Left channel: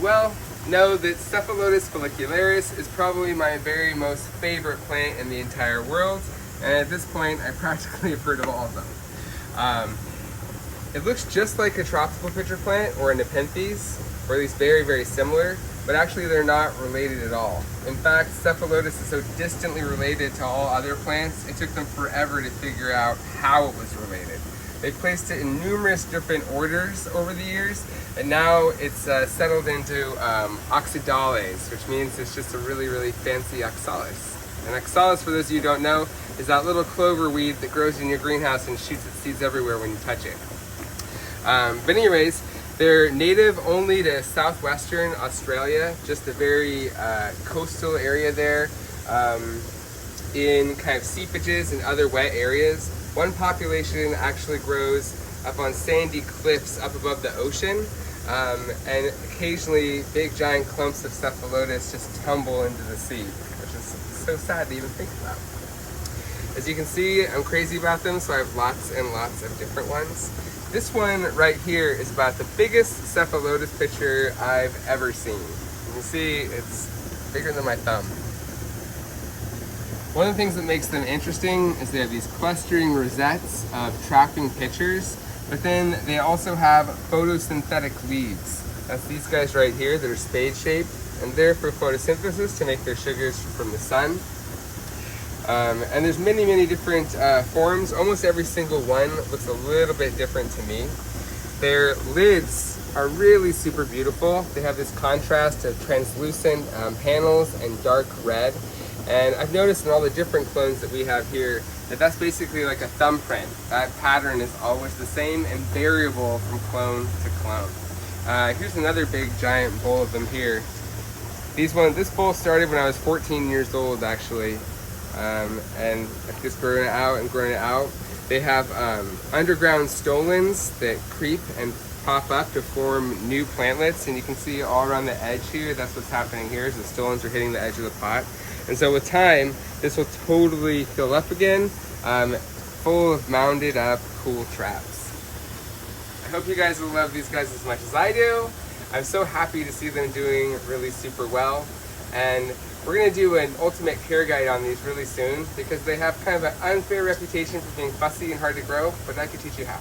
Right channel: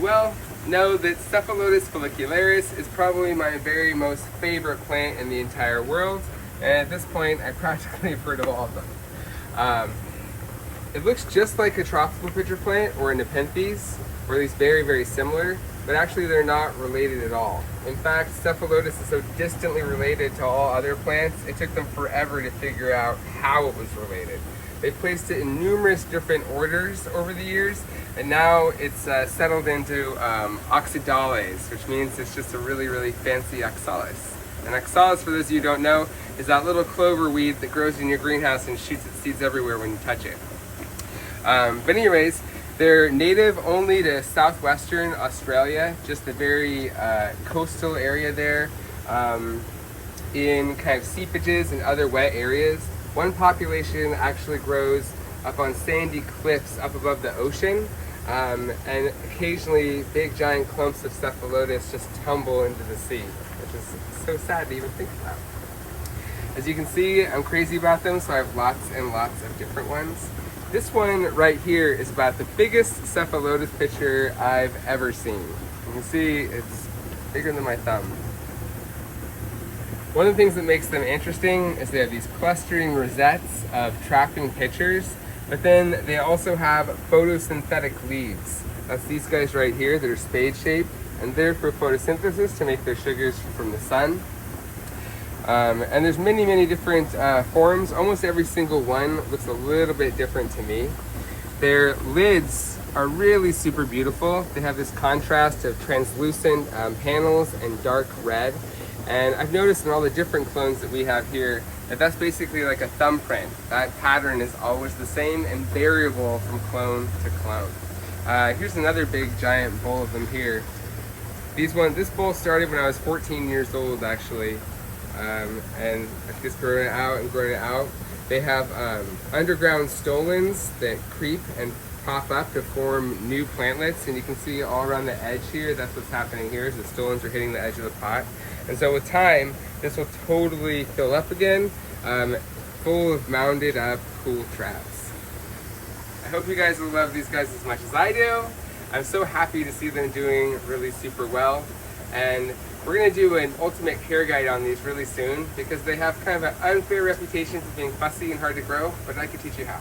well know that Cephalotus follicularis is probably my very most favorite plant in the entire world, and at this point I practically have heard of all of them. It looks just like a tropical pitcher plant or a Nepenthes, or at least very, very similar, but actually they're not related at all. In fact, Cephalotus is so distantly related to all other plants, it took them forever to figure out how it was related. They placed it in numerous different orders over the years, and now it's settled into oxydales, which means it's just a really, really fancy oxalis. And oxalis, for those of you who don't know, is that little clover weed that grows in your greenhouse and shoots its seeds everywhere when you touch it. But anyways, they're native only to southwestern Australia, just a very coastal area there, in kind of seepages and other wet areas. One population actually grows up on sandy cliffs up above the ocean, and occasionally big giant clumps of Cephalotus just tumble into the sea, which is so sad to even think about. As you can see, I'm crazy about them, so I have lots and lots of different ones. This one right here is about the biggest Cephalotus pitcher I've ever seen. You can see it's bigger than my thumb. One of the things that makes them interesting is they have these clustering rosettes of trapping pitchers, but then they also have photosynthetic leaves. That's these guys right here that are spade-shaped, and they're for photosynthesis to make their sugars from the sun. And there's many, many different forms. Almost every single one looks a little bit different to me. Their lids are really super beautiful. They have this contrast of translucent panels and dark red. And I've noticed in all the different clones that we have here that that's basically like a thumbprint. That pattern is always the same and variable from clone to clone. Here's another big giant bowl of them here. This bowl started when I was 14 years old actually. And I've just grown it out and grown it out. They have underground stolons that creep and pop up to form new plantlets, and you can see all around the edge here, that's what's happening here, is the stolons are hitting the edge of the pot. And so with time, this will totally fill up again, full of mounded up cool traps. I hope you guys will love these guys as much as I do. I'm so happy to see them doing really super well. And we're going to do an ultimate care guide on these really soon because they have kind of an unfair reputation for being fussy and hard to grow, but I can teach you how.